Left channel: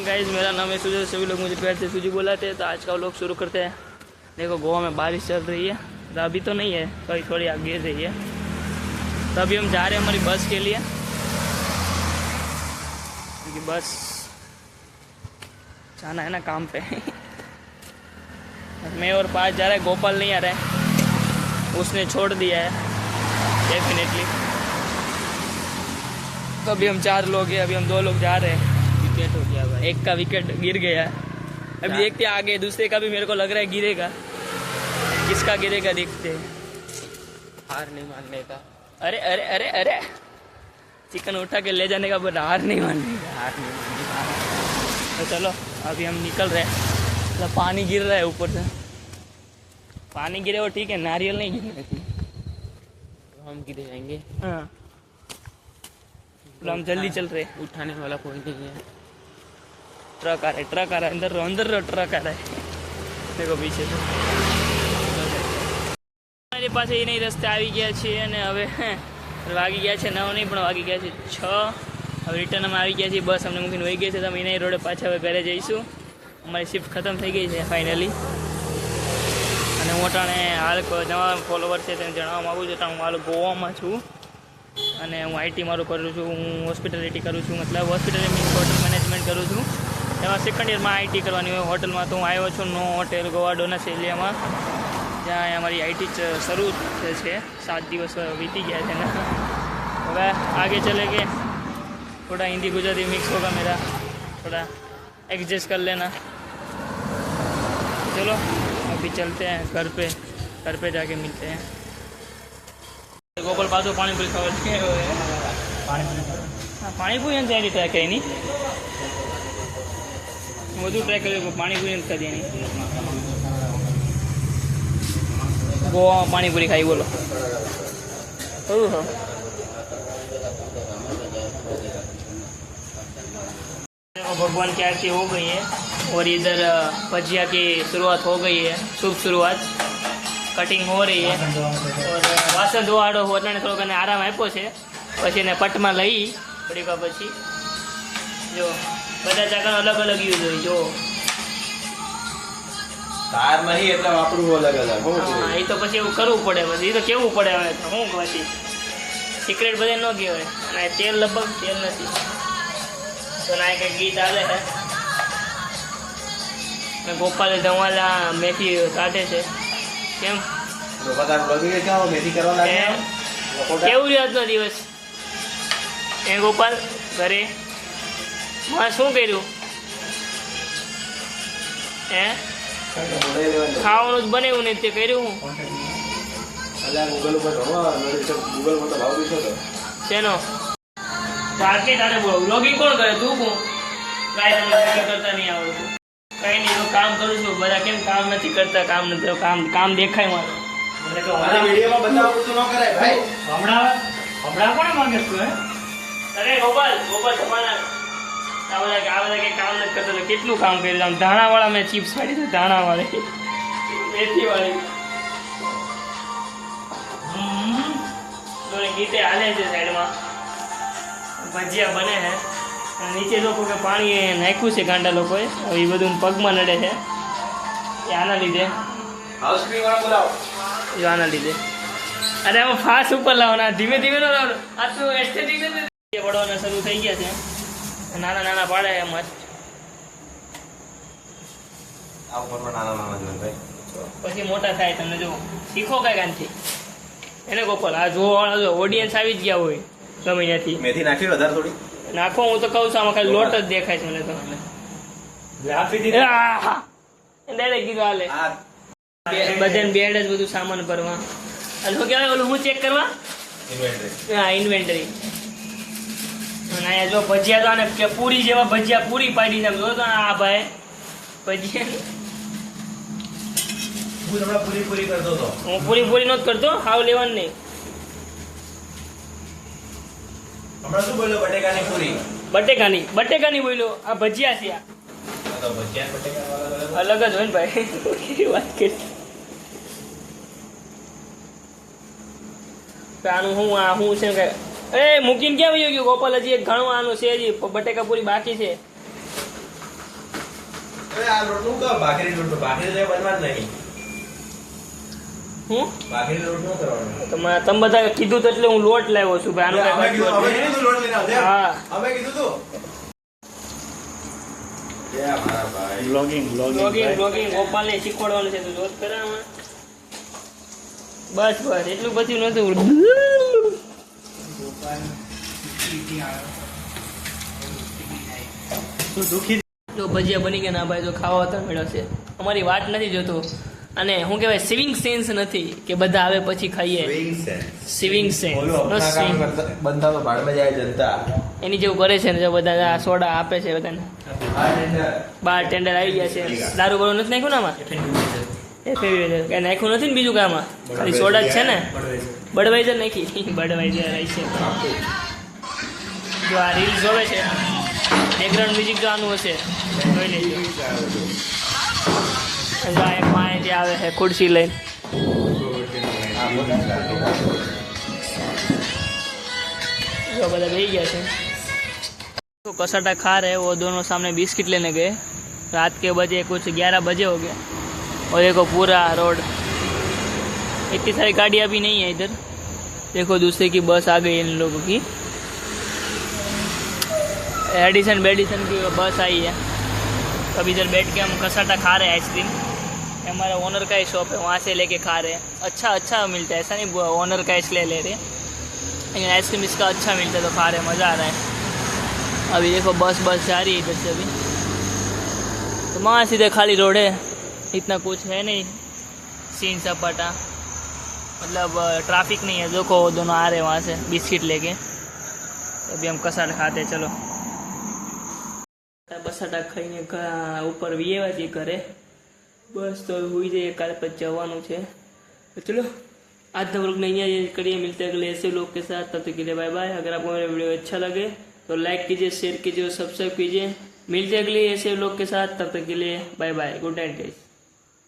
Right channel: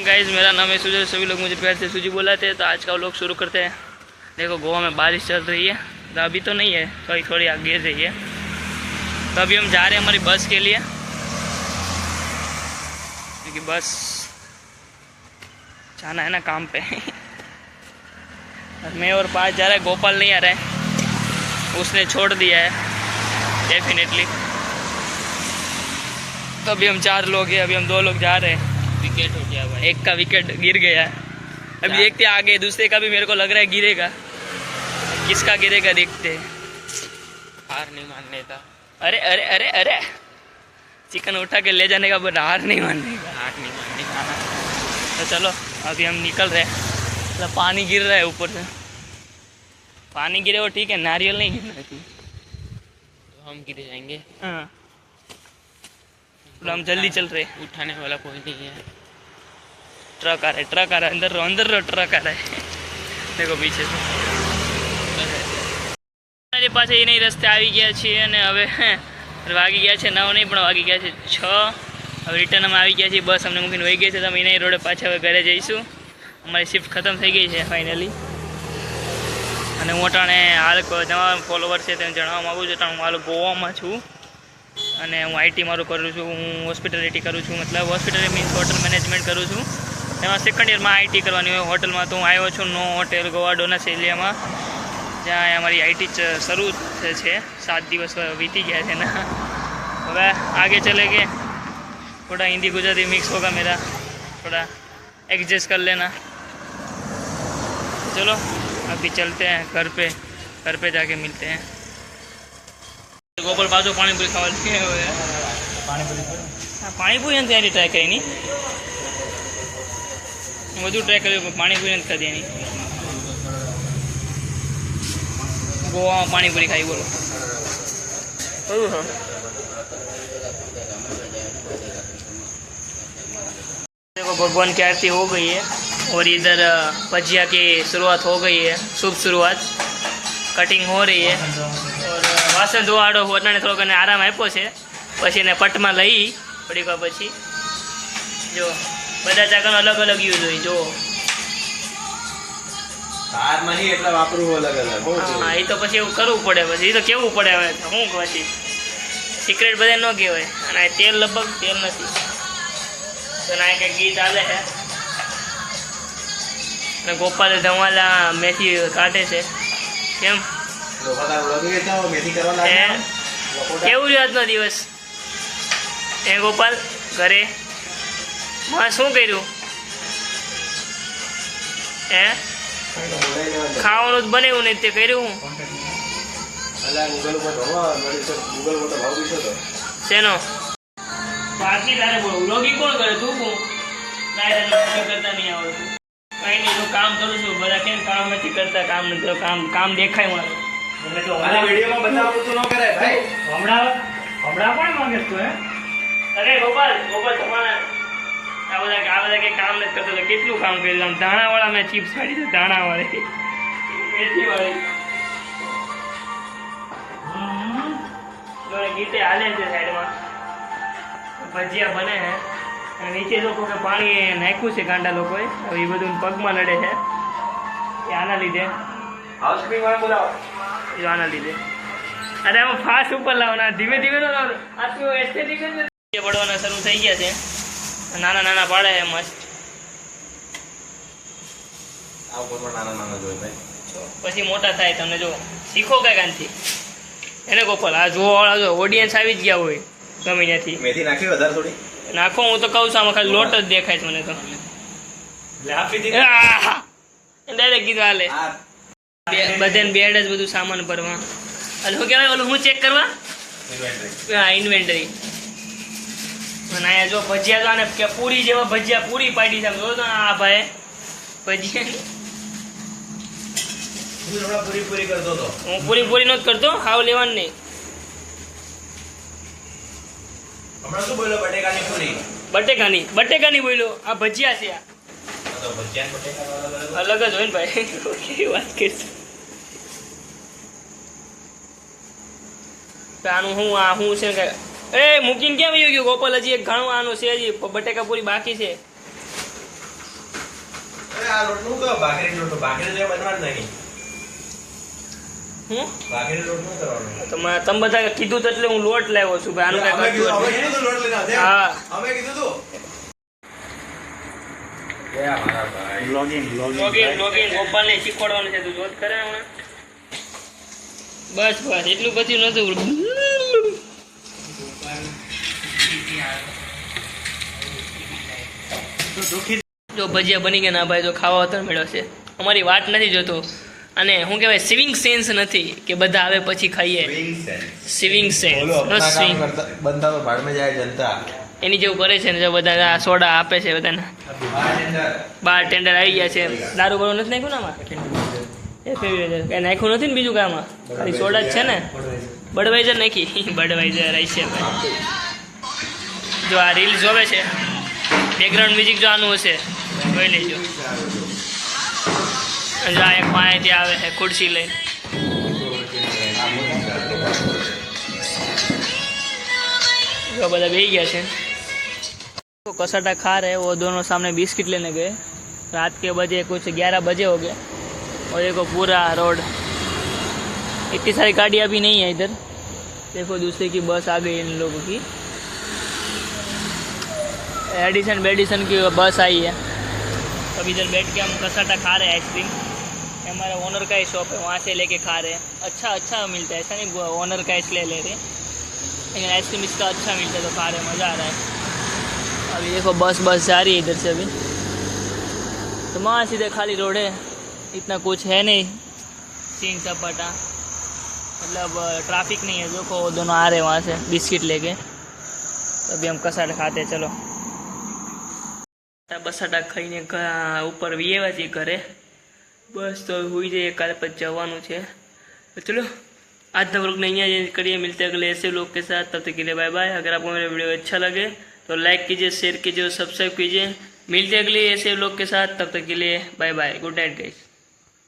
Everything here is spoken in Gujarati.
गाइस, मेरा नाम है सुजय। सभी लोग मुझे प्यार से सूजी बुलाते हैं। तो आज का व्लॉग शुरू करते हैं। देखो, गोवा में बारिश चल रही है। तो अभी तो नहीं है, थोड़ी थोड़ी आगे गिर रही है। तो अभी हम जा रहे हैं हमारी बस के लिए, क्योंकि बस जाना है ना काम पे। मैं और पाँच जा रहा है, गोपाल नहीं आ रहा है, उसने छोड़ दिया है डेफिनेटली। तो अभी हम 4 लोग हैं, अभी हम 2 लोग जा रहे हैं। विकेट हो गया भाई, एक का विकेट गिर गया है। अभी देखते हैं आगे, दूसरे का भी मेरे को लग रहा है गिरेगा। किसका गिरेगा देखते हैं। हार नहीं मानने का। अरे अरे अरे अरे, चिकन उठा के ले जाने का, पर हार नहीं मानने का। हार नहीं मानने का। तो चलो अभी हम निकल रहे हैं। मतलब पानी गिर रहा है ऊपर से। पानी गिरे वो ठीक है, नारियल नहीं गिरना है। तो हम गिरे जाएंगे। हाँ, हम जल्दी चल रहे हैं। उठाने वाला कोई नहीं है। ट्रक आ रहा है, ट्रक आ रहा है, अंदर अंदर ट्रक आ रहा है। देखो पीछे से। મારી પાસે એ નહીં રસ્તે આવી ગયા છીએ અને હવે વાગી ગયા છે 9 નહીં પણ વાગી ગયા છે 6। હવે રિટર્ન અમે આવી ગયા છીએ, બસ અમને મૂકીને વહી ગઈ છે। તો અમે એના રોડે પાછા હવે ઘરે જઈશું। અમારી શિફ્ટ ખતમ થઈ ગઈ છે ફાઇનલી। અને હું અટાણે હાલ નવા ફોલોવર છે તેને જણાવવા માગું છું, હું હાલ ગોવામાં છું અને હું આઈટી મારું કરું છું। હું હોસ્પિટાલિટી કરું છું, મતલબ હોસ્પિટલ મીન્સ હોટલ મેનેજમેન્ટ કરું છું। એમાં સેકન્ડ યરમાં આઈટી કરવાની હોય હોટલમાં। તો હું આવ્યો છું નો હોટેલ ગોવા ડોનસ એરિયામાં, જ્યાં हमारी आईटी शुरू है। 7 दिवस बीती गया है ना। अब आगे चलेंगे, थोड़ा हिंदी गुजराती मिक्स होगा मेरा, थोड़ा एडजस्ट कर लेना। चलो अभी चलते हैं घर पे जाके मिलते हैं। गोपाल बाजू पानीपुरी खावा हाँ, पानीपुरी तैयारी ट्राय करी नहीं, बधु ट्राय कर पानीपुरी कर दिया नहीं। गोवा पानीपुरी खाई बोलो। देखो भगवान की आरती हो गई है और इधर भजिया की शुरुआत हो गई है, शुभ शुरुआत। कटिंग हो रही है और वासन धोवाड़ो होने थोड़ा कने आराम आप्यो छे। पछी ने पट में लई थोड़ी વાર પછી जो બધા ચાકનો अलग अलग यूज होई जो तार नहीं એટલે વાપરવું અલગ અલગ હો છે। હા, એ તો પછી એવું કરવું પડે, પછી એ તો કેવું પડે। હવે હું પછી સિક્રેટ બધે ન કહેવાય। અને તેલ લગભગ તેલ નથી તો ના કંઈક ગીત હાલે છે અને ગોપાલ ધમાલા મેથી કાઢે છે। કેમ બધા વ્લોગ એ જાવ મેથી કરવા લાગ્યા કેવું રહ્યો આજનો દિવસ એ ગોપાલ ઘરે માં શું કર્યું હે? ખાવાનું જ બનાવ્યું નહીં તે કર્યું હું અલા ગૂગલ ઉપર જોવા નડી તો ગૂગલ માં તો ભાવ દીશો તો શેનો બાકી તારે બોલો વ્લોગિંગ કોણ કરે? તું કોણ? કાંઈ વ્લોગિંગ કરતા નહીં આવડતું, કાંઈ નહીં। તો કામ કરું છું, બધા કેમ કામ નથી કરતા? કામ નથી, કામ દેખાય મારું। મને તો મારા વિડિયોમાં બતાવવું તું ન કરે ભાઈ। હમણાં કોણ માંગે તું હે? અરે ગોપાલ તમારા આ બધા કે કામ નથી કરતો એટલે કેટલું કામ કર્યું। ધાણાવાળા મેં ચિપ્સ ખાડી છે, ધાણાવાળી મેથીવાળી ગીતે હાલે છે સાઈડમાં। ભજીયા બને છે અને નીચે લોકો કે પાણી નાખ્યું છે ગાંડા લોકોએ, એ બધું પગમાં નડે છે એ આના લીધે। હાઉસક્રીમ વાળા બોલાવો એ આના લીધે। અરે આમ ફાસ્ટ ઉપર લાવવાના, ધીમે ધીમે ન લાવવાનું। આ તો એસ્થેટિક જ પડવાના શરૂ થઈ ગયા છે, નાના નાના પાડે છે મસ્ત। આ ઉપર નાના નાના જો ભાઈ, પછી મોટા થાય। તમને જો શીખો કઈ કાંથી એને ગોપાલ। આ જોવાળા જો ઓડિયન્સ આવી જ ગયા હોય ગમે ત્યાંથી। મેથી નાખી વધારે થોડી નાખો, હું તો કહું છું આમાં ખાલી લોટ જ દેખાય છે મને તો। લે આપી દીધી ડાયરેક્ટ કીધું હાલે બધાને બેડ જ બધું સામાન ભરવા। અને શું કહેવાય ઓલું હું ચેક કરવા? ઇન્વેન્ટરી। હા, ઇન્વેન્ટરી। અને અહીંયા જો ભજીયા તો આને કે પૂરી જેવા ભજીયા પૂરી પાડી છે, જો તો આ ભાઈ ભજીયા પૂરી પૂરી કરતો તો હું પૂરી નથી કરતો, હાવ લેવાનું નહીં। હમણાં શું બોલ્યો? બટેકાની પૂરી બટેકાની બોલ્યો, આ ભજીયા છે। આ તો ભજીયા બટેકા વાળા અલગ જ હોય ને ભાઈ, કેવી વાત કરીશ। આનું હું આ હું છે કે એ મૂકીને ક્યાં વયો ગયો ગોપાલ? હજી એક ઘણું આનું છે, હજી બટેકા પૂરી બાકી છે। અરે આ લોટનું તો ભાખરી લોટ ભાખરી જે બનવાનું નહીં હું ભાખરી લોટ ન કરવાનો તમે બધા કીધું તો એટલે હું લોટ લાવ્યો છું ભાઈ આનું અમે કઈ કીધું લોટ લઈને આવજે હા અમે કીધું તું એ મારા ભાઈ લોગિન ગોપાલને શીખવાડવાનું છે તું જોત કરે હમણાં બસ એટલું પછી નતું જો ભજીયા બની ગયા ના ભાઈ તો ખાવા તો મેળવશે અમારી વાત નથી જોતો અને શું કહેવાય સિવિંગ સેન્સ નથી કે બધા આવે પછી ખાઈએ સિવિંગ સેન્સ બંધા તો ભાગમાં જાય જનતા એની જેવું કરે છે ને જો બધા આ સોડા આપે છે બધાને બાર ટેન્ડર આવી ગયા છે દારૂ બારૂ નથી નાખ્યું ને આમાં કઈ નાખ્યું નથી ને બીજું કામાં ખાલી સોડા જ છે ને બડવાઈઝર નાખી બડવાઈઝર આવી છે જો આ રીલ જોવે છે બેકગ્રાઉન્ડ મ્યુઝિક જો આનું હશે જોઈ લેજો જો આ એક માહિતી આવે છે ખુરશી લઈને जो बता गई गया है तो कसाटा खा रहे वो दोनों सामने बिस्किट लेने गए रात के बजे कुछ 11 बजे हो गए और देखो पूरा रोड इतनी सारी गाड़ी अभी नहीं है इधर देखो दूसरे की बस आ गई इन लोगों की एडिसन बेडिसन की बस आई है अब इधर बैठ के हम कसाटा खा रहे हैं आइसक्रीम हमारा ओनर का ही शॉप है वहाँ से लेके खा रहे हैं अच्छा मिलता है ऐसा नहीं ओनर का इसलिए ले रहे हैं लेकिन आइसक्रीम इसका अच्छा मिलता है तो खा रहे मज़ा आ रहा है अभी देखो बस जा रही है इधर से अभी तो वहाँ सीधे खाली रोड है इतना कुछ है नहीं सीन सपाटा मतलब ट्रैफिक नहीं है देखो दोनों आ रहे हैं वहाँ से बिस्किट लेके तो अभी हम कसाटा खाते हैं चलो बसाटा खाई ऊपर वीएवाजी करे बस तो हुई जाए काल पर जवानू है तो चलो आज तक लोग नहीं है करिए मिलते हैं अगले ऐसे लोग के साथ तब तक के लिए बाय बाय अगर आपको मेरा वीडियो अच्छा लगे तो लाइक कीजिए शेयर कीजिए और सब्सक्राइब कीजिए मिलते हैं अगले ऐसे लोग के साथ तब तक के लिए bye bye good night guys.